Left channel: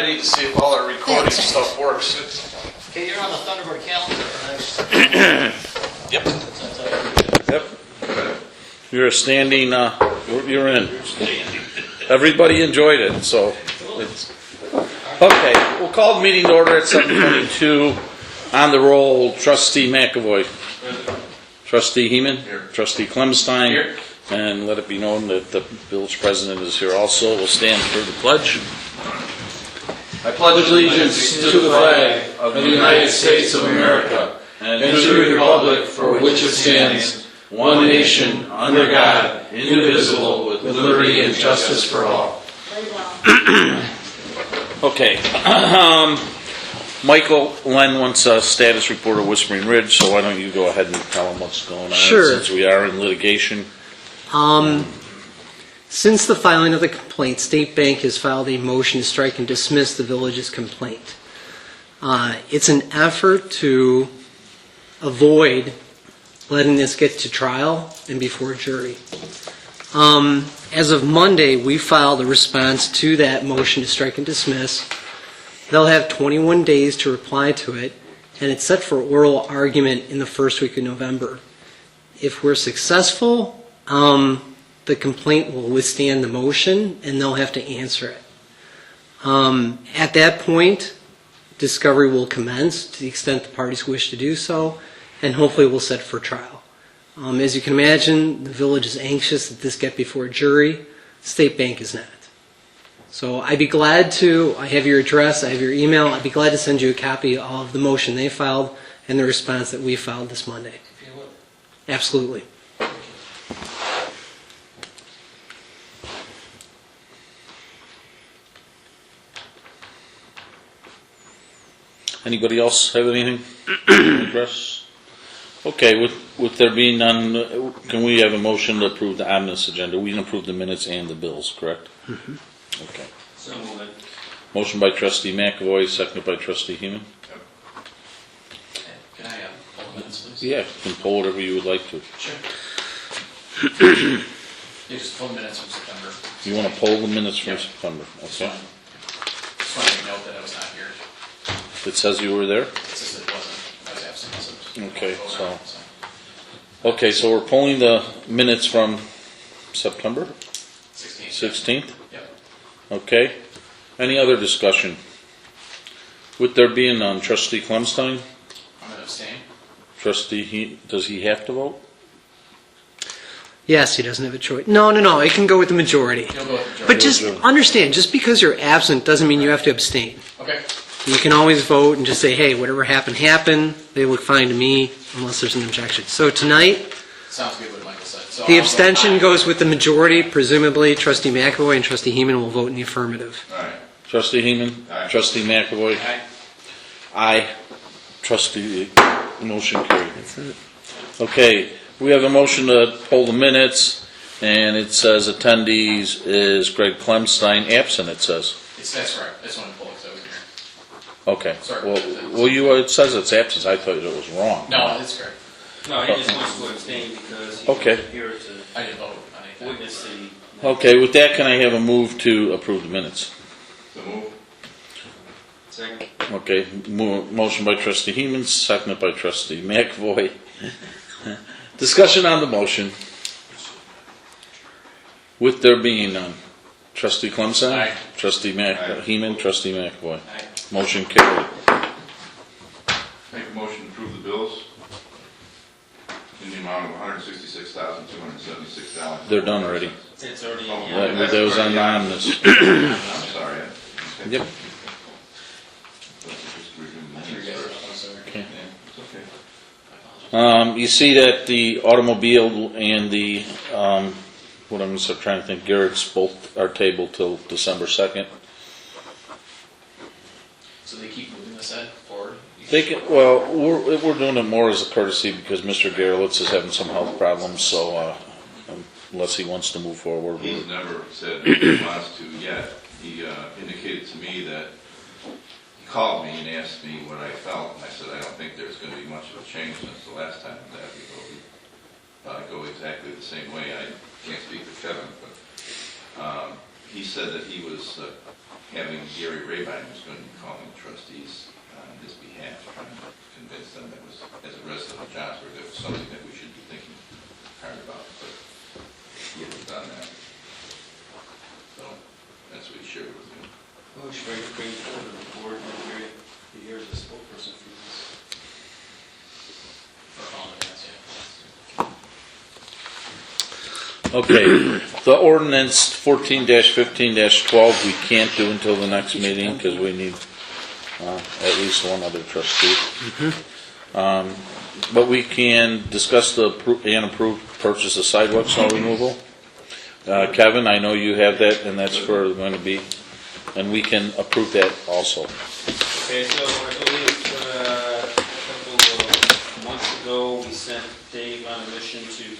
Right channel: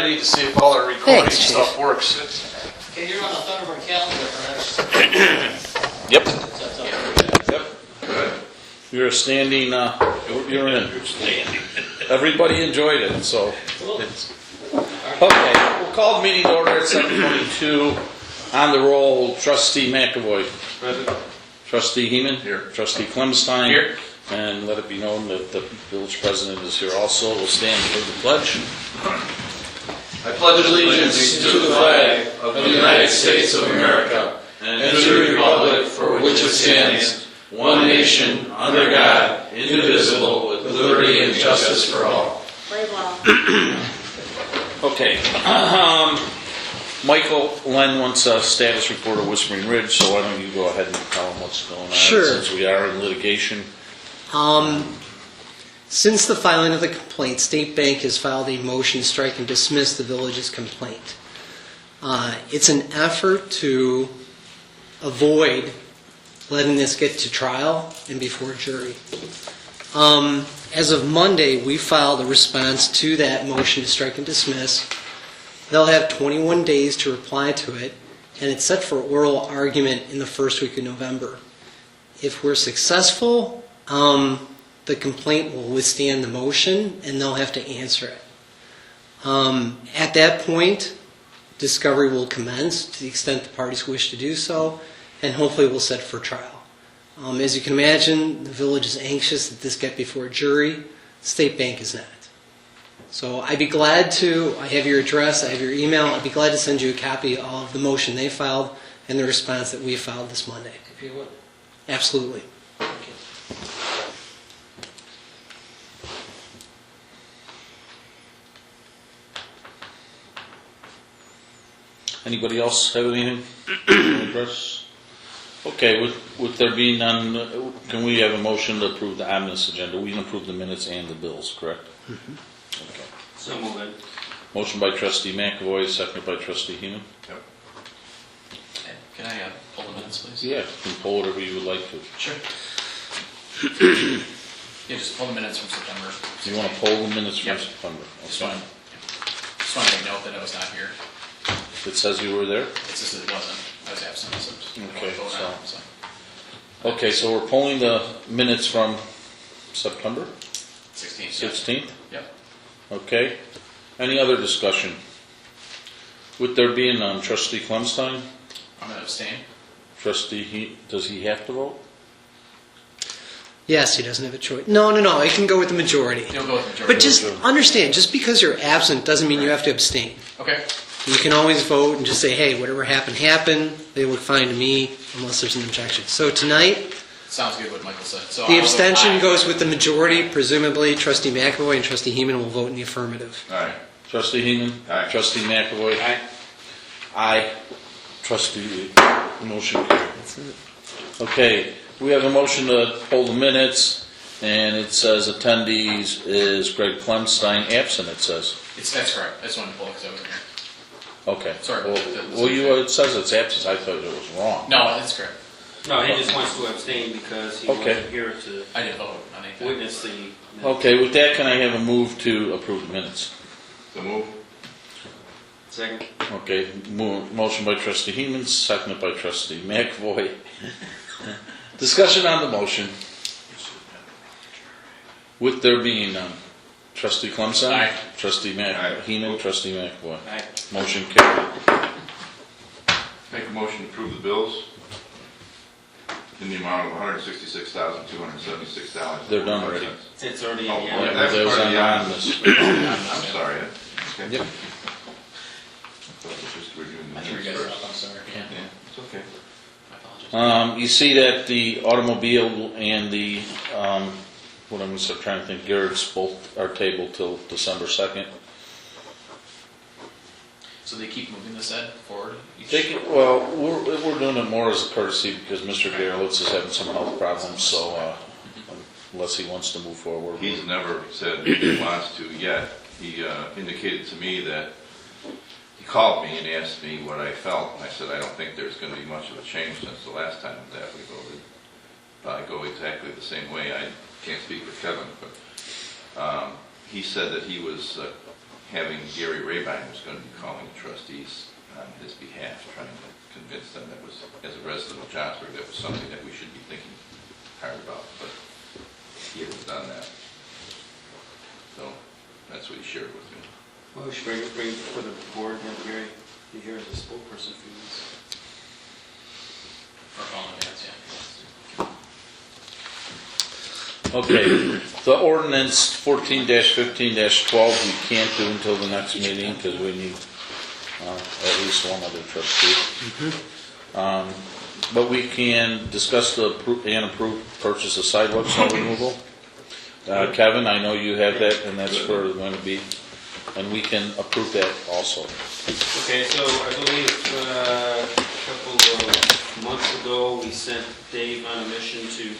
ready to see if all our recording Thanks, Chief. stuff works. Okay, you're on the Thunderbird calendar for next. Yep. That's up. Yep. You're a standing, you're in. Everybody enjoyed it, so. Okay, we'll call the meeting to order at 7:22. On the roll, Trustee McAvoy. Present. Trustee Heeman. Here. Trustee Clemstein. Here. And let it be known that the village president is here also. We'll stand for the pledge. I pledge allegiance to the flag of the United States of America and to the republic for which it stands, one nation, under God, indivisible, with liberty and justice for all. Okay. Michael Len wants a status report of Whispering Ridge, so why don't you go ahead and tell him what's going on? Sure. Since we are in litigation. Since the filing of the complaint, State Bank has filed a motion to strike and dismiss the village's complaint. It's an effort to avoid letting this get to trial and before a jury. As of Monday, we filed a response to that motion to strike and dismiss. They'll have 21 days to reply to it, and it's set for oral argument in the first week of November. If we're successful, the complaint will withstand the motion, and they'll have to answer it. At that point, discovery will commence to the extent the parties wish to do so, and hopefully we'll set it for trial. As you can imagine, the village is anxious that this get before a jury. State Bank is not. So I'd be glad to, I have your address, I have your email, I'd be glad to send you a copy of the motion they filed and the response that we filed this Monday. If you would. Absolutely. Anybody else have anything to address? Okay, with there being none, can we have a motion to approve the omnibus agenda? We can approve the minutes and the bills, correct? Mm-hmm. Okay. So moving. Motion by Trustee McAvoy, seconded by Trustee Heeman. Can I pull the minutes, please? Yeah, you can pull whatever you would like to. Sure. Yeah, just pull the minutes from September. You want to pull the minutes from Yep. September? That's Okay. fine. Just want to make note that I was not here. It says you were there? It's just it wasn't. I was absent, so just didn't Okay, vote on it, so. Okay, so we're pulling the minutes from September 16th. 16th? Yep. Okay. Any other discussion? With there being none, Trustee Clemstein? I'm going to abstain. Trustee, does he have to vote? Yes, he doesn't have a choice. No, it can go with the majority. You'll go with the majority. But just understand, just because you're absent doesn't mean you have to abstain. Okay. You can always vote and just say, hey, whatever happened, happened. They look fine to me, unless there's an objection. So tonight, Sounds good what Michael said. So the I'll vote abstention aye. goes with the majority. Presumably, Trustee McAvoy and Trustee Heeman will vote in the affirmative. All right. Trustee Heeman? Aye. Trustee McAvoy? Aye. Aye. Trustee, motion carried. Okay, we have a motion to pull the minutes, and it says attendees is Greg Clemstein, absent, it says. That's correct. I just wanted to pull it because I wasn't here. Okay. Sorry. It says it's absent, I thought it was wrong. No, that's correct. No, he just wants to abstain because he Okay. wasn't here to I didn't vote on anything. witness the... Okay, with that, can I have a move to approve the minutes? So move. Second. Okay, motion by Trustee Heeman, seconded by Trustee McAvoy. Discussion on the motion. With there being none. Trustee Clemson? Aye. Trustee Aye. Heeman, Trustee McAvoy. Aye. Motion carried. Make a motion to approve the bills in the amount of $166,276. They're done already. It's already... Oh, yeah. that's That was part on of the the omnibus. I'm sorry. Yep. I think you guys know, I'm sorry. Okay. It's okay. I apologize. You see that the automobile and the, what I'm just trying to think, Garrett's both are tabled till December 2nd. So they keep moving this head forward? They can, well, we're doing it more as a courtesy because Mr. Garlitz is having some health problems, so unless he wants to move forward. He's never said he wants to yet. He indicated to me that he called me and asked me what I felt. I said, I don't think there's going to be much of a change since the last time that we voted. I go exactly the same way. I can't speak for Kevin, but he said that he was having Gary Rabine, who's going to be calling the trustees on his behalf, trying to convince them that was, as a resident of Johnsburg, that was something that we should be thinking hard about, but he hasn't done that. So that's what he shared with me. Well, we should bring it to the board and Gary, you hear the spokesperson for this. Okay, the ordinance 14-15-12, we can't do until the next meeting because we need at least one other trustee. But we can discuss the approved purchase of sidewalk snow removal. Kevin, I know you have that, and that's for going to be, and we can approve that also. Okay, so I believe a couple of months ago, we sent Dave on a mission to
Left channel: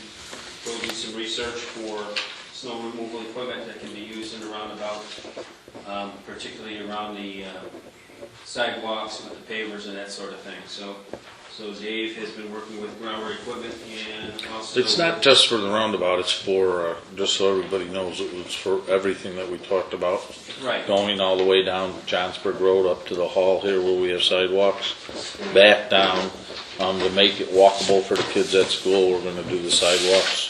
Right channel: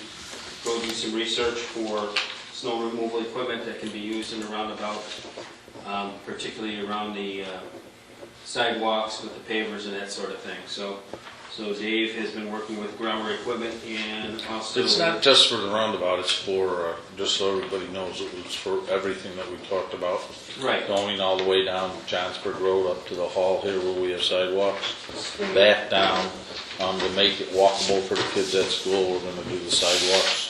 go do some research for snow removal equipment that can be used in the roundabout, particularly around the sidewalks with the pavers and that sort of thing. So Dave has been working with Grower Equipment and also... It's not just for the roundabout, it's for, just so everybody knows, it was for everything that we talked about. Right. Going all the way down Johnsburg Road up to the hall here where we have sidewalks, back down, to make it walkable for the kids at school. We're gonna do the sidewalks,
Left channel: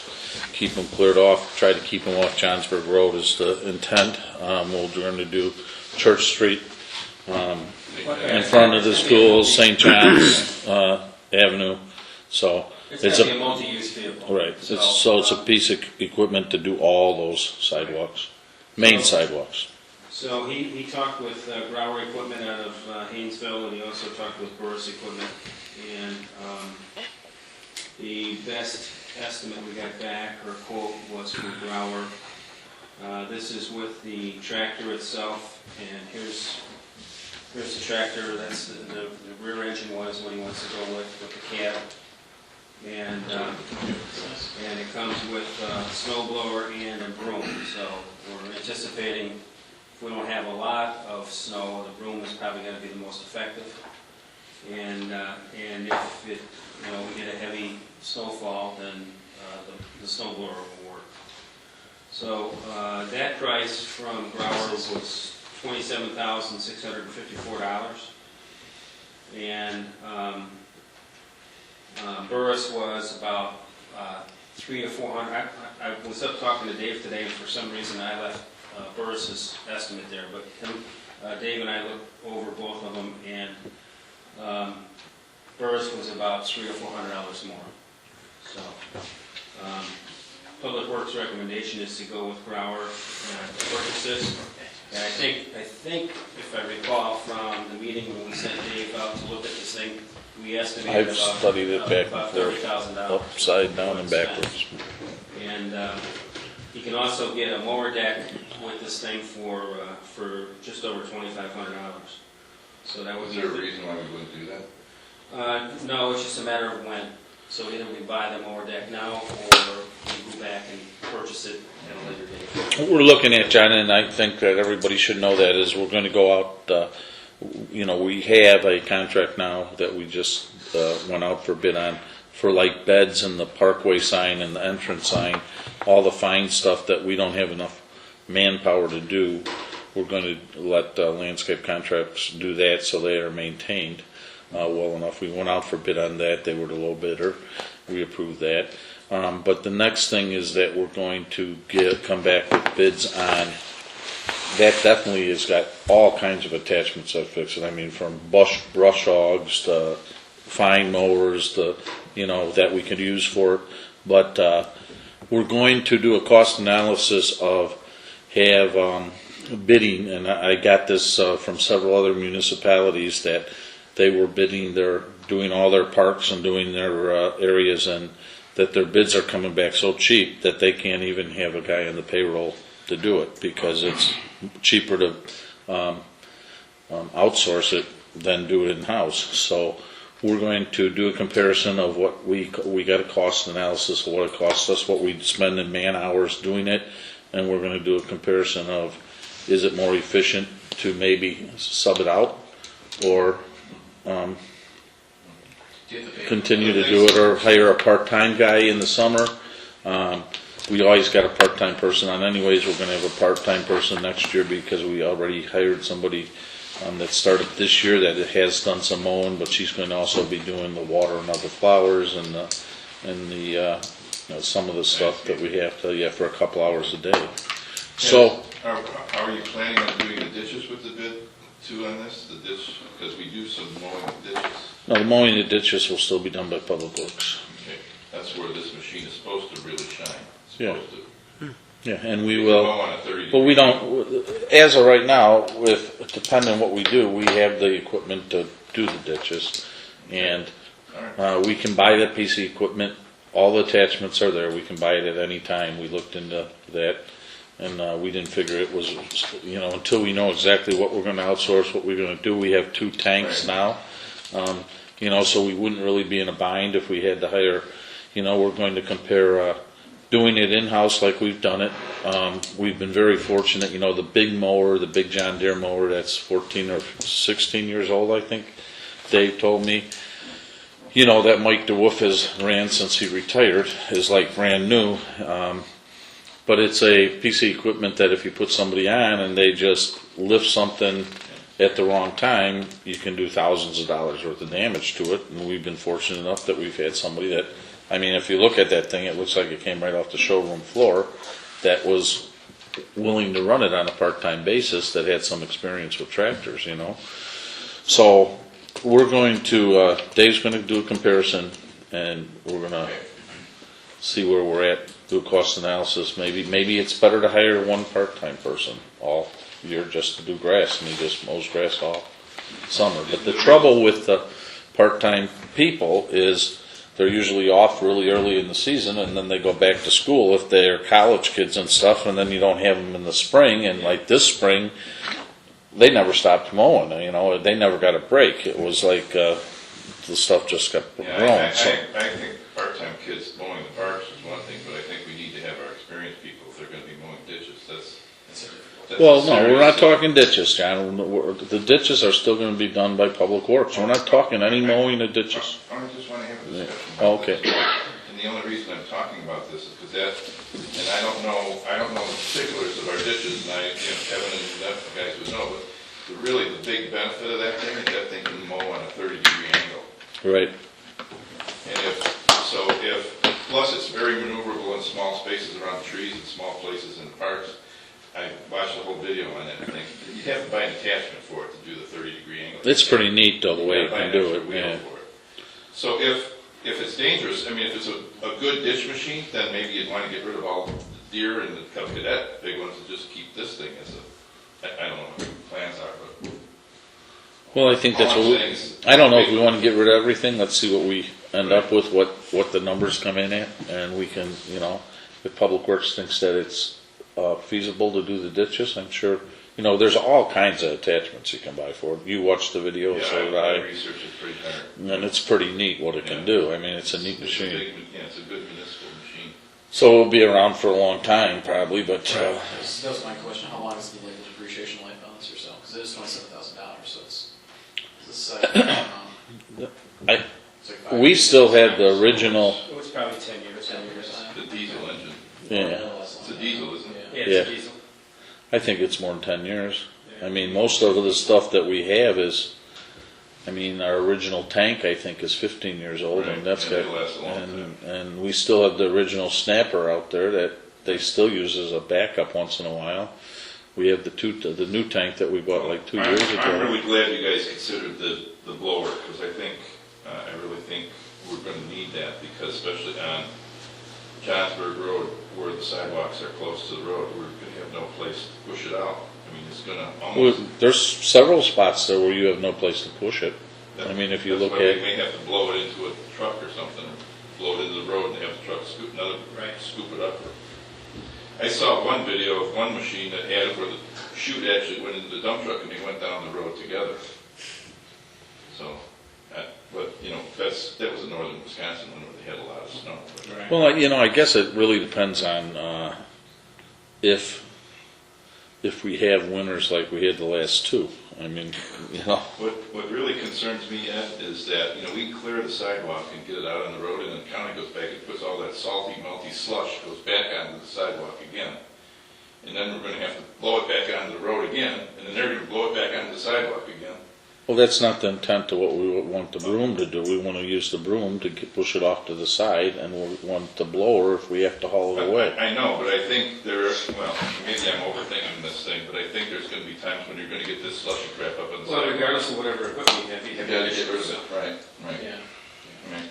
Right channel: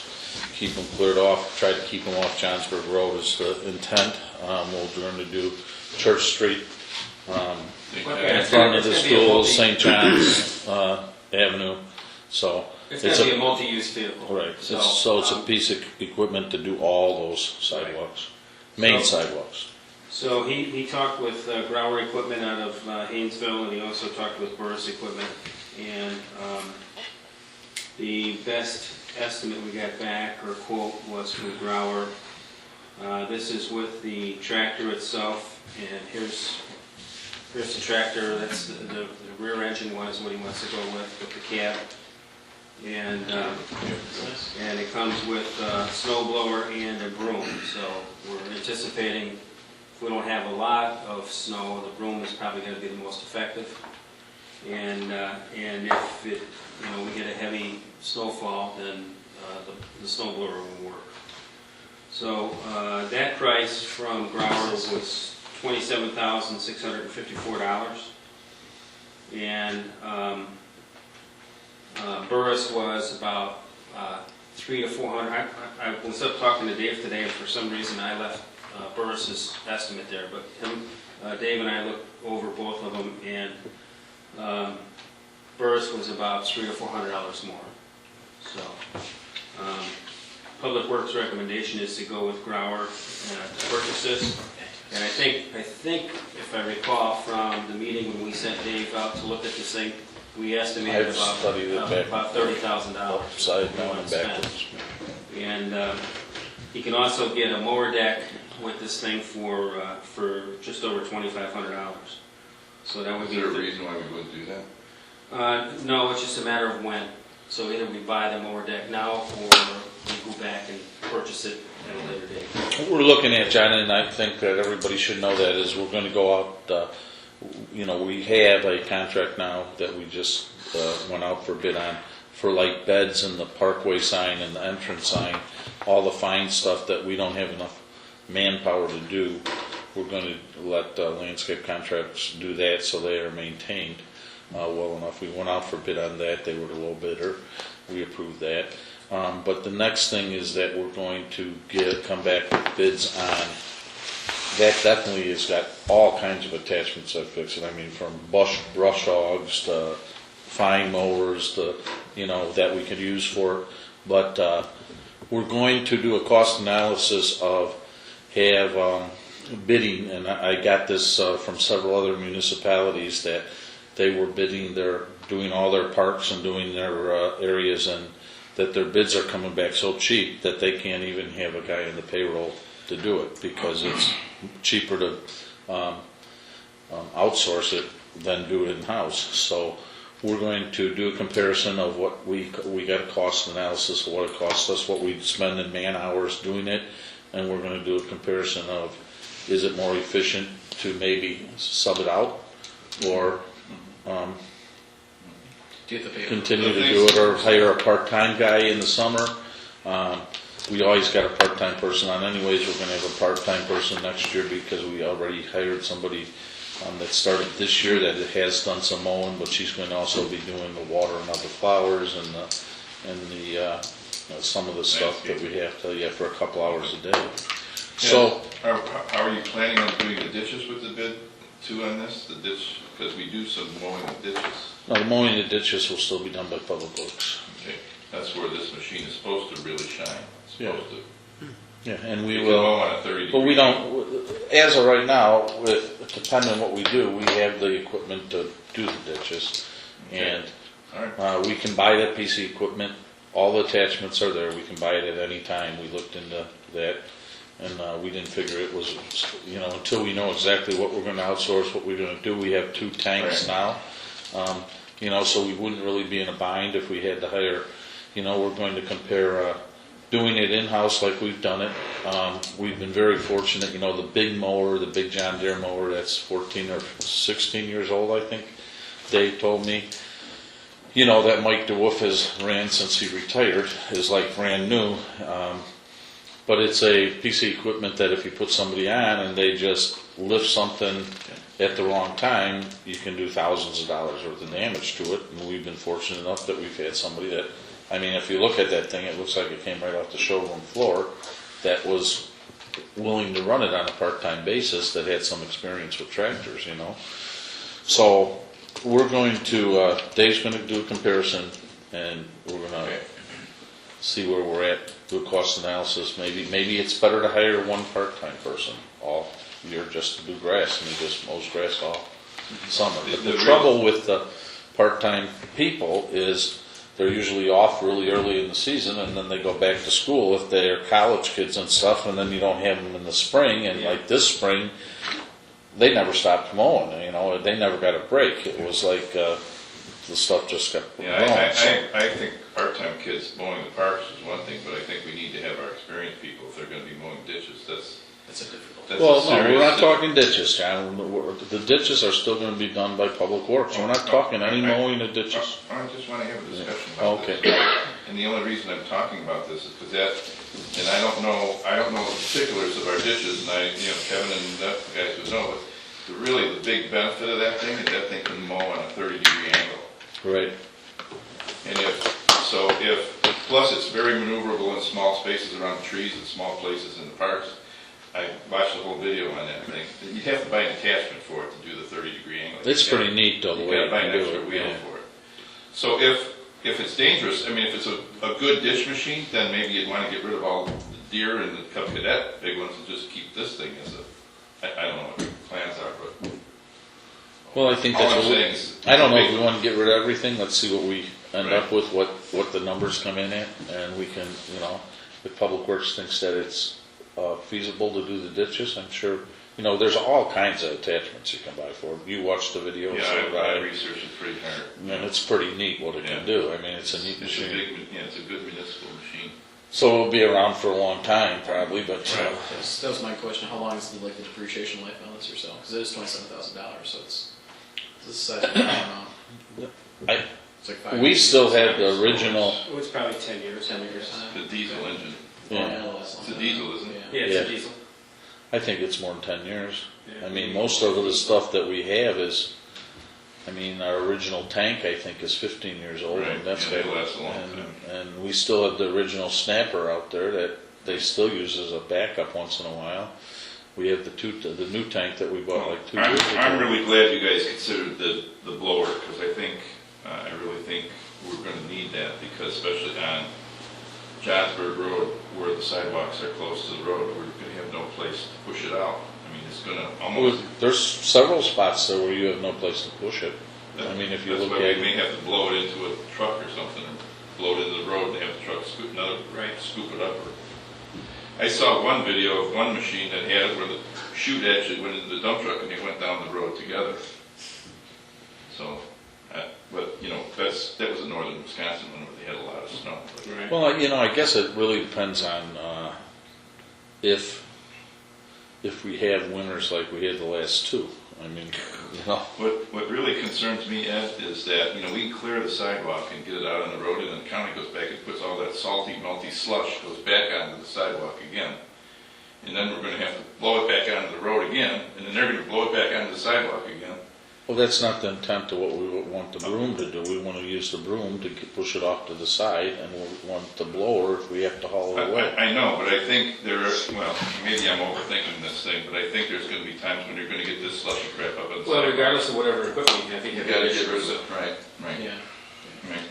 keep them cleared off, try to keep them off Johnsburg Road is the intent. We're gonna do Church Street, in front of the school, St. John's Avenue. So It's going to be a multi-use vehicle. right. So it's a piece of equipment to do all those sidewalks, main sidewalks. So he talked with Grower Equipment out of Haynesville, and he also talked with Burris Equipment. And the best estimate we got back, or quote, was from Grower. This is with the tractor itself, and here's the tractor. That's the rear engine one is what he wants to go with the cab. And it comes with a snow blower and a broom. So we're anticipating, if we don't have a lot of snow, the broom is probably going to be the most effective. And if it, we get a heavy snowfall, then the snow blower will work. So that price from Grower was $27,654, and Burris was about $300 to $400. I was up talking to Dave today, and for some reason I left Burris's estimate there, but Dave and I looked over both of them, and Burris was about $300 or $400 more. So Public Works recommendation is to go with Grower to purchase this. And I think, if I recall from the meeting when we sent Dave out to look at this thing, we estimated I've studied it back about and $30,000. upside down and backwards. And you can also get a mower deck with this thing for just over $2,500. So that would Is be. there a reason why we wouldn't do that? No, it's just a matter of when. So either we buy the mower deck now, or we go back and purchase it at a later date. What we're looking at, John, and I think that everybody should know that, is we're going to go out, we have a contract now that we just went out for bid on for like beds and the parkway sign and the entrance sign, all the fine stuff that we don't have enough manpower to do. We're going to let landscape contracts do that so they are maintained well enough. We went out for bid on that. They were the low bidder. We approved that. But the next thing is that we're going to come back with bids on, that definitely has got all kinds of attachments that fix it. I mean, from brush hogs to fine mowers, that we could use for it. But we're going to do a cost analysis of bidding, and I got this from several other municipalities that they were bidding doing all their parks and doing their areas, and that their bids are coming back so cheap that they can't even have a guy on the payroll to do it because it's cheaper to outsource it than do it in-house. So we're going to do a comparison of what we got a cost analysis of what it costs us, what we spend in man hours doing it, and we're going to do a comparison of, is it more efficient to maybe sub it out or continue to do it, or hire a part-time guy in the summer. we always got a part-time person on anyways. We're gonna have a part-time person next year because we already hired somebody that started this year that has done some mowing, but she's going to also be doing the watering of the flowers and some of the stuff that we have to, for a couple hours a day. So, Are you planning on doing the ditches with the bid too on this, the ditch, because we do some mowing of ditches? no, the mowing of ditches will still be done by Public Works. Okay, that's where this machine is supposed to really shine. It's Yeah. supposed to. Yeah, and we You can will. mow on a 30 But we degree don't, as of right now, depending on what we do, we have the equipment to do the ditches. And All right. we can buy that piece of equipment, all the attachments are there, we can buy it at any time. We looked into that, and we didn't figure it was, until we know exactly what we're gonna outsource, what we're gonna do. We have 2 tanks now, so we wouldn't really be in a bind if we had to hire, we're going to compare, doing it in-house like we've done it. We've been very fortunate, the big mower, the big John Deere mower that's 14 or 16 years old, I think, Dave told me. That Mike DeWolf has ran since he retired, is like brand new. But it's a piece of equipment that if you put somebody on and they just lift something at the wrong time, you can do thousands of dollars worth of damage to it. And we've been fortunate enough that we've had somebody that, if you look at that thing, it looks like it came right off the showroom floor, that was willing to run it on a part-time basis, that had some experience with tractors, So we're going to, Dave's going to do a comparison, and we're going to see where we're at, do a cost analysis. Maybe it's better to hire one part-time person all year just to do grass, and he just mows grass all summer. But the trouble with the part-time people is they're usually off really early in the season, and then they go back to school if they're college kids and stuff, and then you don't have them in the spring. And like this spring, they never stopped mowing. They never got a break. It was like the stuff just kept growing. I think part-time kids mowing the parks is one thing, but I think we need to have our experienced people if they're going to be mowing ditches. Well, no, we're not talking ditches, John. The ditches are still going to be done by Public Works. We're not talking any mowing of ditches. I just want to have a discussion about Okay. this. And the only reason I'm talking about this is because and I don't know the particulars of our ditches, and Kevin and the guys would know, but really the big benefit of that thing is that thing can mow on a 30-degree angle. Right. And plus it's very maneuverable in small spaces around trees and small places in the parks. I watched the whole video on that thing. You have to buy an attachment for it to do the 30-degree angle. It's pretty neat, though, the way you buy an do extra it. wheel Yeah. for it. So if it's dangerous, if it's a good ditch machine, then maybe you'd want to get rid of all the deer and the Cub Cadet big ones and just keep this thing as I don't know what your plans are, but Well, I think that's all what I'm saying is. I don't know if we want to get rid of everything. Let's see what we end up with, what the numbers come in at, and we can, if Public Works thinks that it's feasible to do the ditches, I'm sure, there's all kinds of attachments you can buy for it. You watched the video, Yeah, so did I I, researched it pretty hard. and it's pretty neat what it can do. It's a neat It's a machine. it's a good municipal machine. So it'll be around for a long time, probably, but That was my question, how long is the depreciation life on this or so? Because it is $27,000, so this is, I, it's like 5 we years. still had the original, It was probably 10 years. 10 years. The diesel engine. yeah. It's a diesel, isn't it? Yeah, it's Yeah. a diesel. I think it's more than 10 years. Most of the stuff that we have is, our original tank, I think, is 15 years old, Right, and that's yeah, got, it lasts a long time. and we still have the original snapper out there that they still use as a backup once in a while. We have the new tank that we bought like 2 years ago. I'm really glad you guys considered the blower, because I really think we're going to need that, because especially on Johnsburg Road, where the sidewalks are close to the road, we're going to have no place to push it out. It's going to almost. There's several spots there where you have no place to push it. If you That's look why at, we may have to blow it into a truck or something, or blow it into the road and have the truck scoop it up. I saw one video of one machine that had it where the chute actually went into the dump truck and they went down the road together. So, that was in northern Wisconsin when they had a lot of snow. well, I guess it really depends on if we have winters like we had the last 2. I mean, you know, What really concerns me, Ed, is that, we can clear the sidewalk and get it out on the road, and then the county goes back and puts all that salty, melty slush, goes back onto the sidewalk again. And then we're gonna have to blow it back onto the road again, and then they're gonna blow it back onto the sidewalk again. well, that's not the intent of what we would want the broom to do. We want to use the broom to push it off to the side, and we want the blower if we have to haul it away. I know, but I think maybe I'm overthinking this thing, but I think there's gonna be times when you're gonna get this slushy crap up on the Well, sidewalk. regardless of whatever equipment you have, You gotta get rid of it, right, Yeah. right.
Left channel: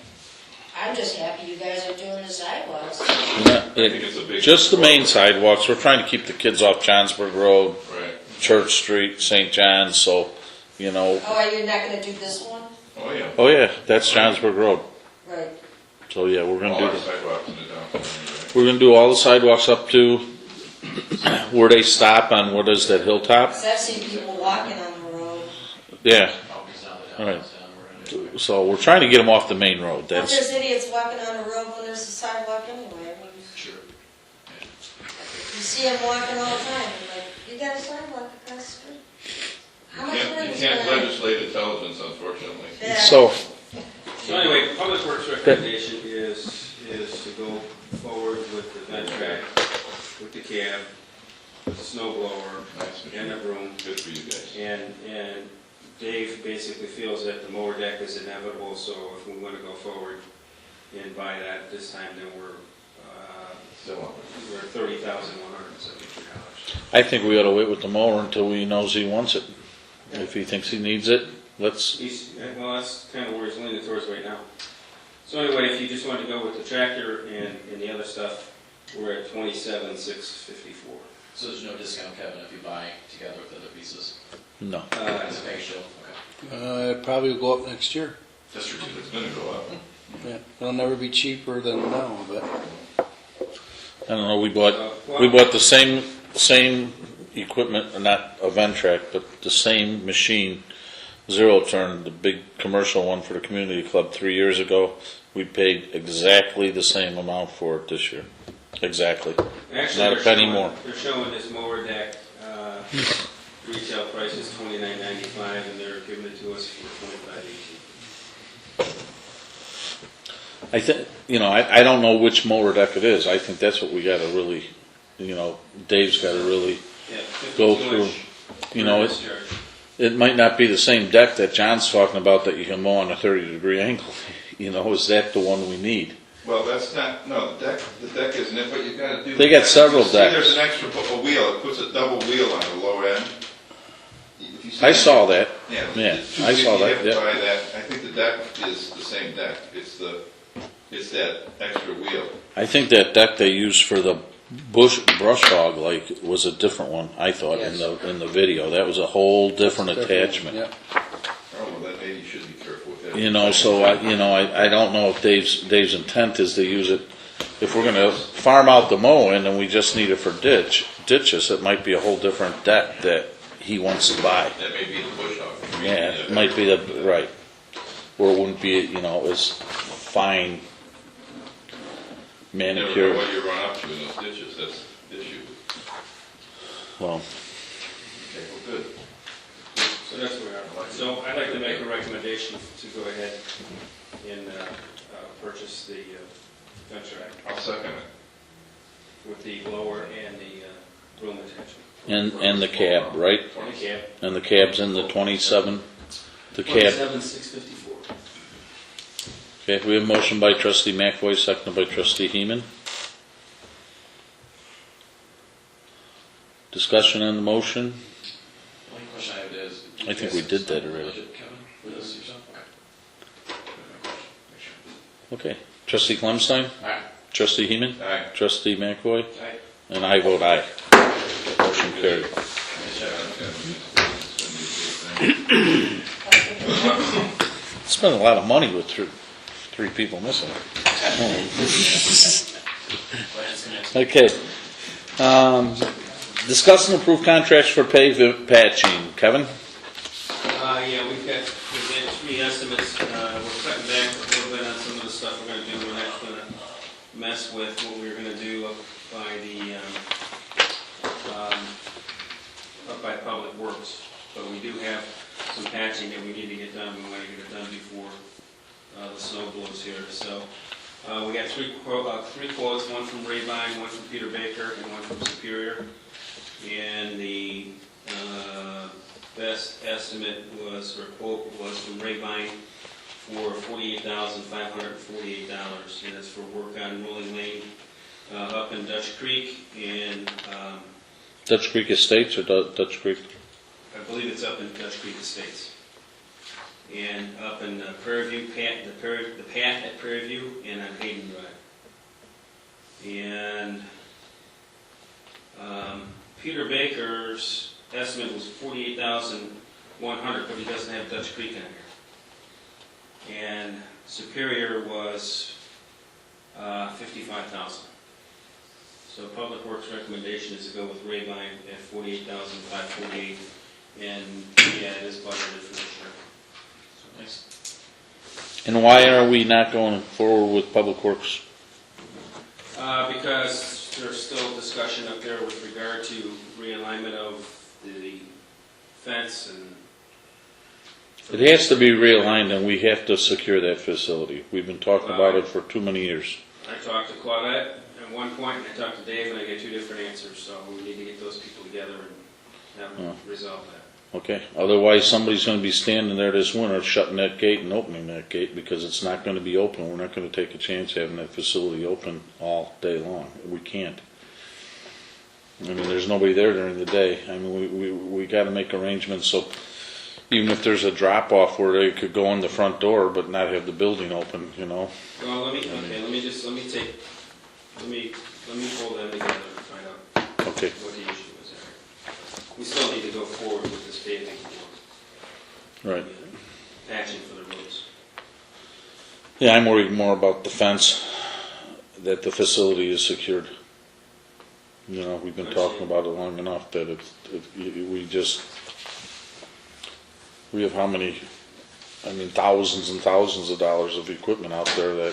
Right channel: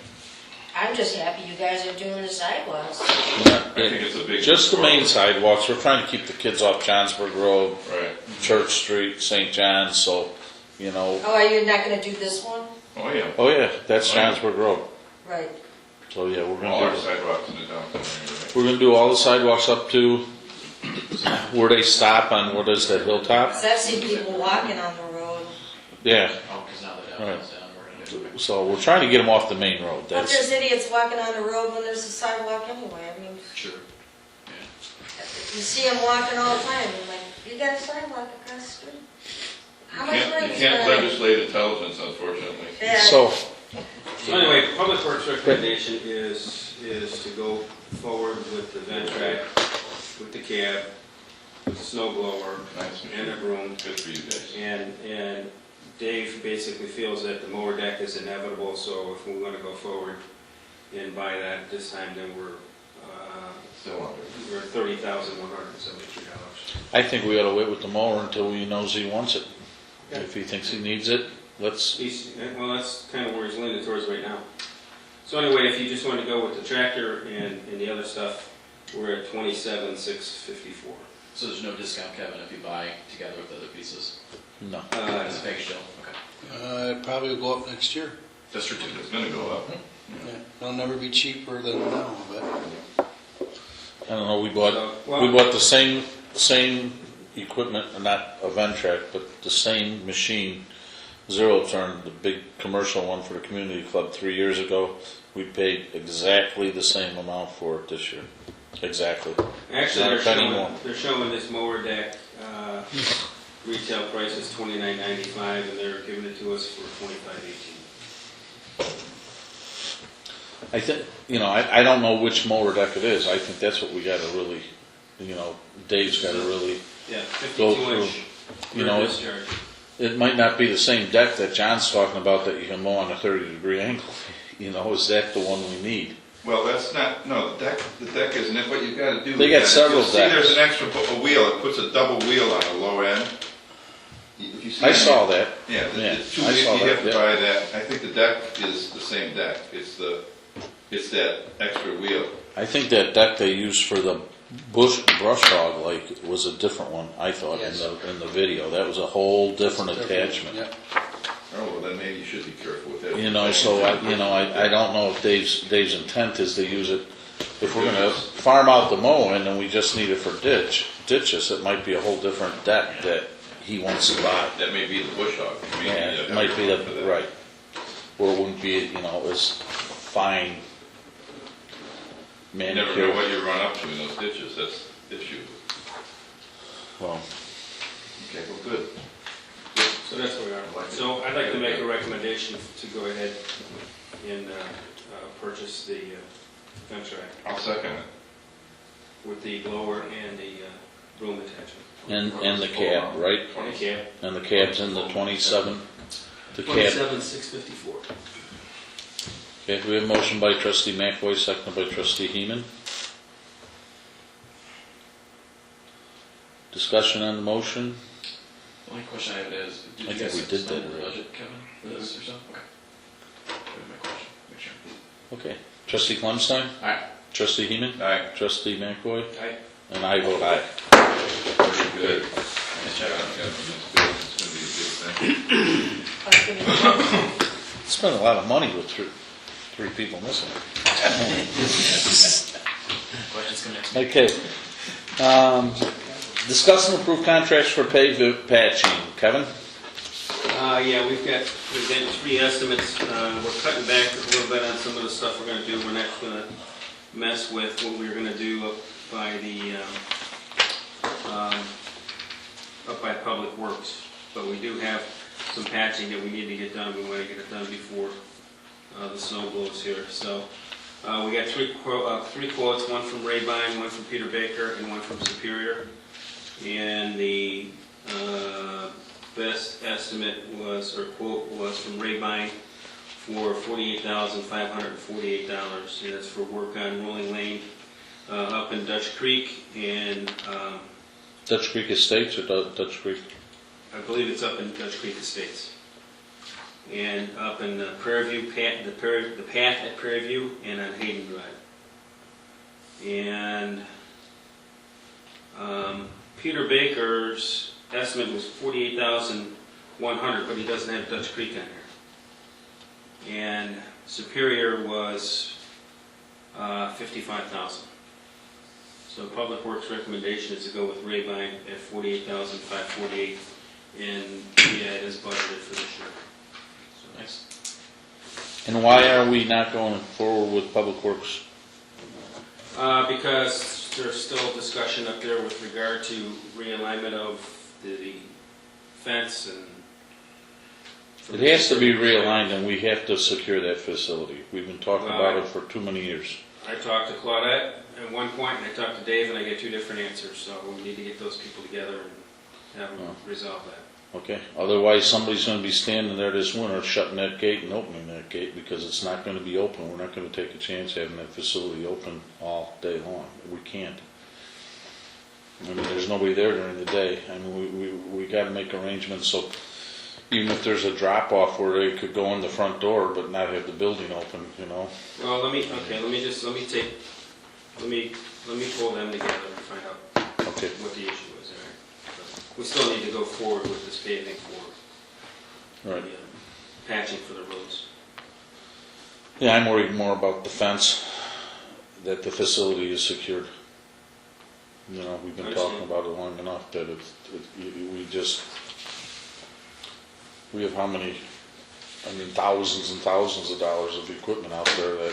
I'm just happy you guys are doing the sidewalks. Yeah, I think it's a big. just the main sidewalks. We're trying to keep the kids off Johnsburg Road, Right, Church Street, St. John's, so, you know. Oh, are you not gonna do this one? oh, yeah. Oh, yeah, that's Johnsburg Road. Right. So, yeah, we're All gonna our do, sidewalks in the downtown. we're gonna do all the sidewalks up to where they stop on, what is that, Hilltop? 'Cause I've seen people walking on the road. Yeah, Oh, because now the downtown's down, we're gonna do it. so we're trying to get them off the main road. But That's, there's idiots walking on the road when there's a sidewalk anyway. I mean, Sure. you see them walking all the time. I'm like, you got a sidewalk across the street? How much money You is can't that? legislate intelligence, unfortunately. Yeah. so, So anyway, Public Works recommendation is to go forward with the vent track, with the cab, with the snow blower, and the broom. Good for you guys. And Dave basically feels that the mower deck is inevitable, so if we want to go forward and buy that this time, then we're Still up. at $30,173. I think we ought to wait with the mower until he knows he wants it. If he thinks he needs it, let's, Well, that's kind of where he's leaning towards right now. So anyway, if you just want to go with the tractor and the other stuff, we're at $27,654. So there's no discount, Kevin, if you buy together with other pieces? no. It's a fake show, okay. It probably will go up next year. That's ridiculous, it's gonna go up. Yeah, it'll never be cheaper than now, but I don't know, we bought the same equipment, not a Ventrac, but the same machine, Zero Turn, the big commercial one for the community club 3 years ago. We paid exactly the same amount for it this year. Exactly. Actually, Not a penny more. they're showing this mower deck, retail price is $29.95, and they're giving it to us for $25.18. I think, I don't know which mower deck it is. I think that's what we gotta really, Dave's gotta really, Yeah, Go 52 through, inch you know, furnace charger. it might not be the same deck that John's talking about that you can mow on a 30-degree angle. Is that the one we need? Well, that's not, no, the deck isn't it, what you gotta do. They got is several see, decks. there's an extra wheel, it puts a double wheel on the low end. If you see I saw that. Yeah, Yeah, it's two I saw you that, have to yeah. buy that, I think the deck is the same deck, it's that extra wheel. I think that deck they used for the brush hog was a different one, I thought, Yes. in the video. That was a whole different attachment. Yeah. Oh, well, then maybe you should be careful with that. I don't know if Dave's intent is to use it, if we're gonna farm out the mowing and we just need it for ditches, it might be a whole different deck that he wants to buy. That may be the bush hog. Maybe Yeah, the it might be for that. right. Where it wouldn't be, as fine You never know manicured. what you run up to in those ditches, that's the issue. Well, Okay, well, good. So that's where we are. So I'd like to make a recommendation to go ahead and purchase the vent track I'll second it. with the blower and the broom attachment. and the cab, right? And the cab. And the cab's in the 27, the cab. $27,654. Okay, we have a motion by trustee McAvoy, seconded by trustee Heeman. Discussion on the motion? The only question I have is, I think we did that already. Budget, Kevin, for this or something? Okay. My question, make sure. Okay. Trustee Clemstein? Aye. Trustee Heeman? Aye. Trustee McAvoy? Aye. And I vote aye. Motion carried. Spent a lot of money with three people missing. Well, it's gonna- Okay. Discuss and approve contracts for pave patching. Kevin? Yeah, we've got 3 estimates. We're cutting back a little bit on some of the stuff we're going to do. We're not going to mess with what we were going to do up by Public Works. but we do have some patching that we need to get done. We want to get it done before the snow blows here. So we got three quotes, one from Rabine, one from Peter Baker, and one from Superior. And the best estimate was, or quote was from Rabine for $48,548, and it's for work on Rolling Lane up in Dutch Creek, and Dutch Creek Estates or Dutch Creek? I believe it's up in Dutch Creek Estates. And up in Prairie View, the path at Prairie View and on Hayden Drive. And Peter Baker's estimate was $48,100, but he doesn't have Dutch Creek on here. And Superior was $55,000. So Public Works recommendation is to go with Rabine at $48,548, and yeah, it is budgeted for this year. Thanks. And why are we not going forward with Public Works? Because there's still discussion up there with regard to realignment of the fence and... It has to be realigned, and we have to secure that facility. We've been talking about it for too many years. I talked to Claudette at one point, and I talked to Dave, and I get two different answers, so we need to get those people together and have them resolve that. Okay, otherwise somebody's gonna be standing there this winter shutting that gate and opening that gate because it's not gonna be open. We're not gonna take a chance having that facility open all day long. We can't. I mean, there's nobody there during the day. I mean, we gotta make arrangements so even if there's a drop off where they could go in the front door but not have the building open, you know. Well, let me pull them together and find out Okay, what the issue is there. We still need to go forward with this paving for right. patching for the roads. Yeah, I'm worried more about the fence, that the facility is secured. You know, we've been talking about it long enough that we have how many, I mean, thousands and thousands of dollars of equipment out there that,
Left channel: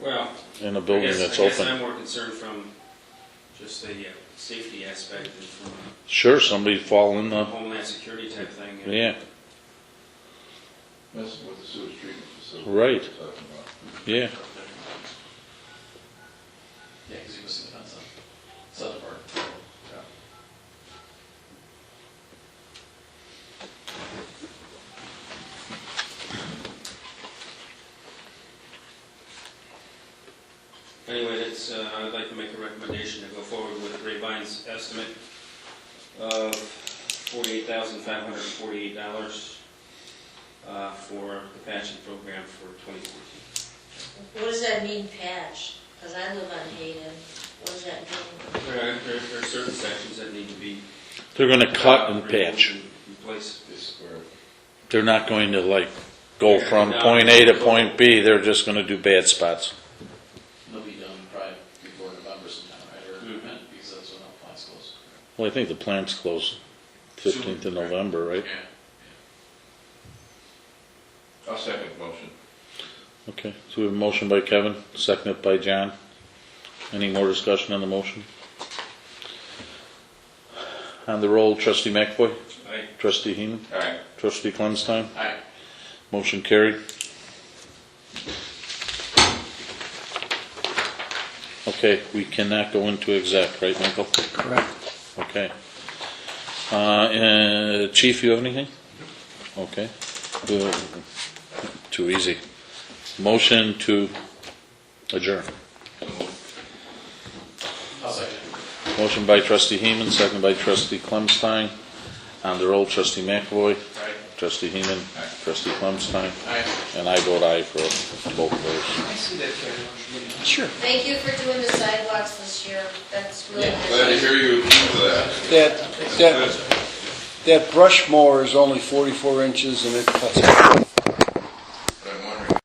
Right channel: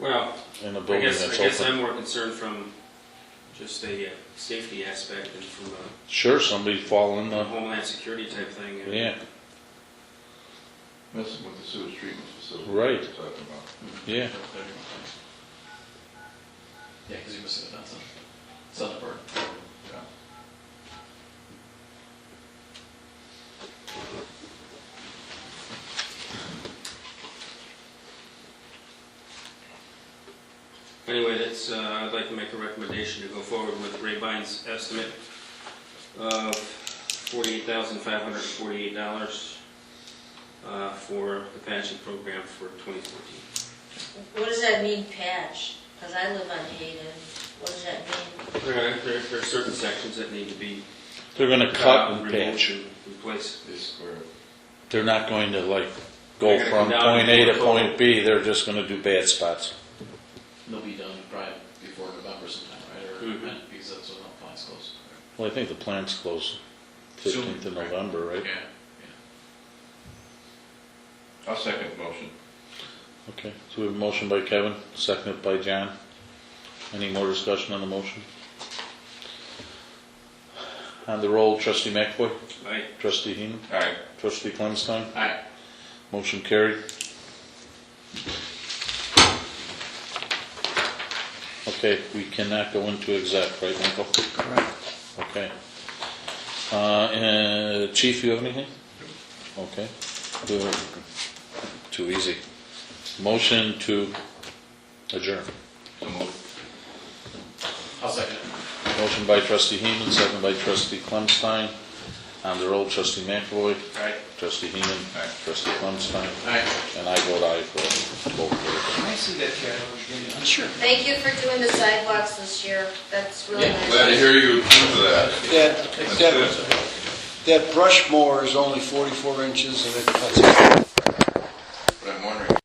Well, in a I building guess that's open. I'm more concerned from just a safety aspect and from a Sure, somebody fall in the, homeland security type thing. yeah, That's what the sewage treatment facility. Right. we're talking about. yeah. Yeah, because you're missing the fence on southern part. Anyway, that's, I'd like to make a recommendation to go forward with Rabine's estimate of $48,548 for the patching program for 2014. What does that mean, patch? Because I live on Hayden. What does that mean? There are certain sections that need to be They're gonna cut and removed patch. and replaced. They're not going to like go from point A to point B, they're just gonna do bad spots. They'll be done probably before November sometime, right? Or because that's when the plant's closed. Well, I think the plant's closed 15th of November, right? Yeah. I'll second the motion. Okay, so we have a motion by Kevin, seconded by John. Any more discussion on the motion? On the roll, trustee McAvoy, Aye. trustee Heeman, All right. trustee Clemstein, Aye. motion carried. Okay, we cannot go into exec, right, Michael? Correct. Okay. Chief, you have anything? Okay. Too easy. Motion to adjourn. So moved. I'll second it. Motion by trustee Heeman, second by trustee Clemstein. On the roll, trustee McAvoy, Aye. trustee Heeman, Aye. trustee Clemstein, Aye. and I vote aye for both votes. Sure. Thank you for doing the sidewalks this year. That's really nice. Glad to hear you for that. that brush mower is only 44 inches and it cuts it.